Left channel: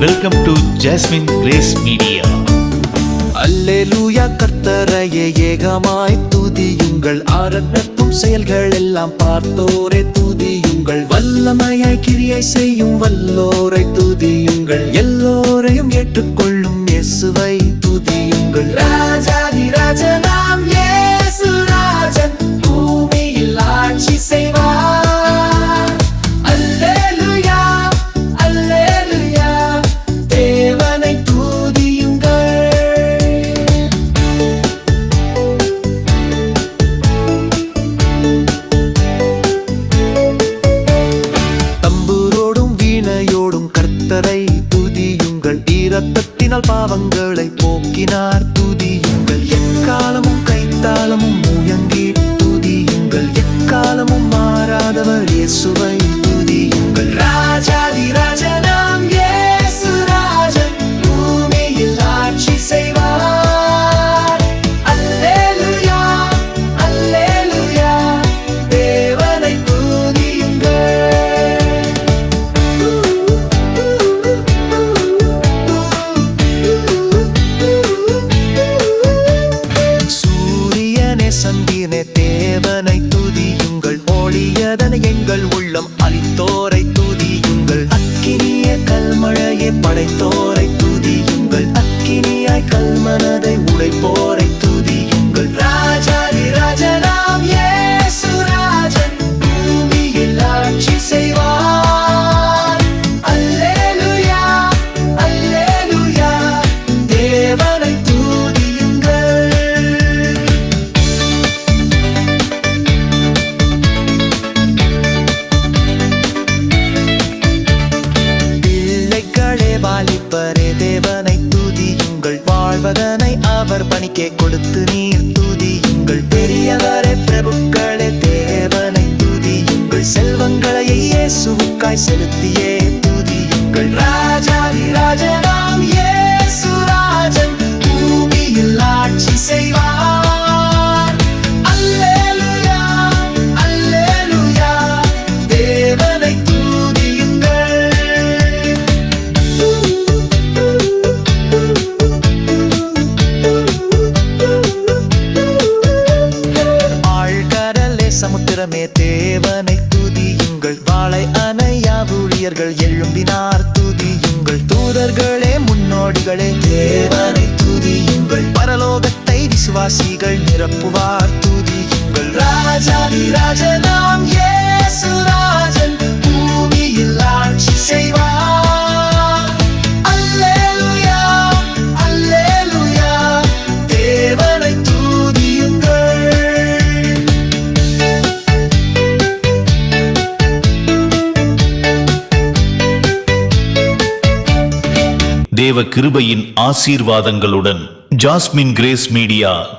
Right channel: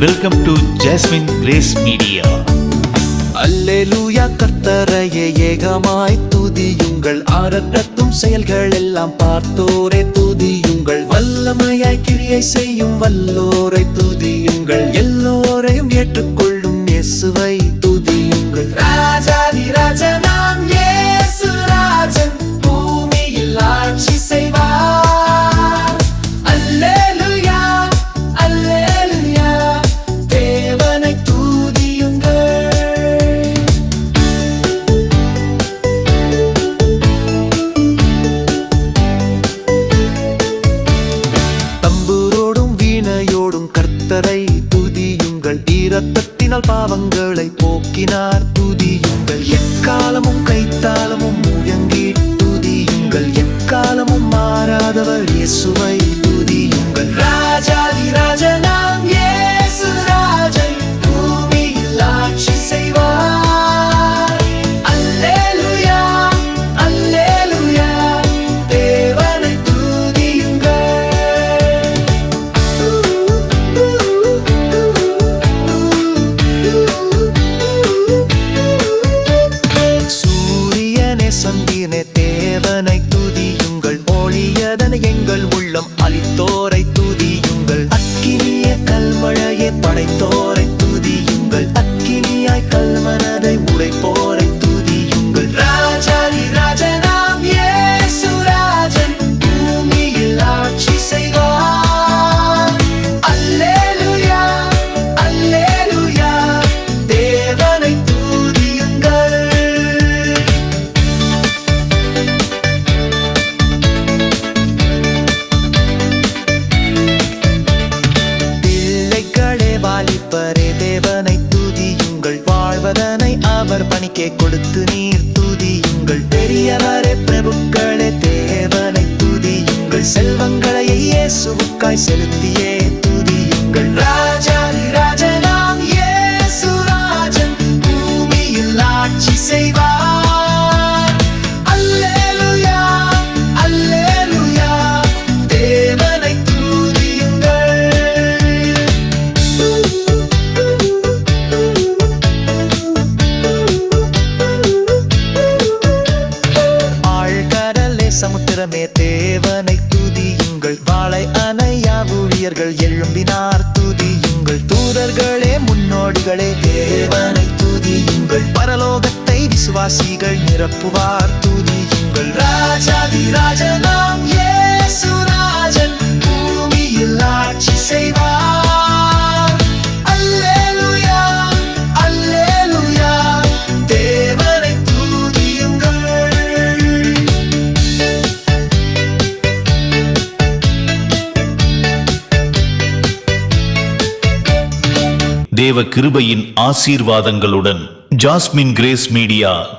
Welcome to Jasmine Grace media அல்லேலூயா கர்த்தரையே ஏகமாய் துதியுங்கள். ஆரத்தத்தும் செயல்கள் எல்லாம் பார்த்தோரே துதியுங்கள். வல்லமையாய் கிரியை செய்யும் வல்லோரை துதியுங்கள். எல்லோரையும் ஏற்றுக்கொள்ளும் இயேசுவை கர்த்தரை துதியுங்கள். ஈரத்தத்தினால் பாவங்களை போக்கினார். துதியுங்கள். எக்காலமும் கைத்தாளமும் முயங்கி துதியுங்கள். எக்காலமும் மாறாதவர் இயேசுவை சூரியனே தேவனை துதியுங்கள். ஒளியதனை எங்கள் உள்ளம் அளித்தோரை துதியுங்கள். அக்கினிய கல்மழையே படைத்தோரை துதியுங்கள். அக்கினியாய் கல்மனதை உடைப்போரை அவர் கொடுத்து நீர் துதியுங்கள். பெரியவரே பிரபுக்களே தேவனை துதியுங்கள். செல்வங்களையே இயேசுவுக்காய் செலுத்தியே துதியுங்கள். ராஜாதி ராஜா சமுத்திரமே தேவனை துதியுங்கள். வாழை அணையா ஊழியர்கள் எழும்பினார் துதியுங்கள். தூதர்களே முன்னோடிகளே தேவனை துதியுங்கள். பரலோகத்தை விசுவாசிகள் நிரப்புவார் துதியுங்கள். ராஜாதி ராஜனா தேவ கிருபையின் ஆசீர்வாதங்களுடன் ஜாஸ்மின் கிரேஸ் மீடியா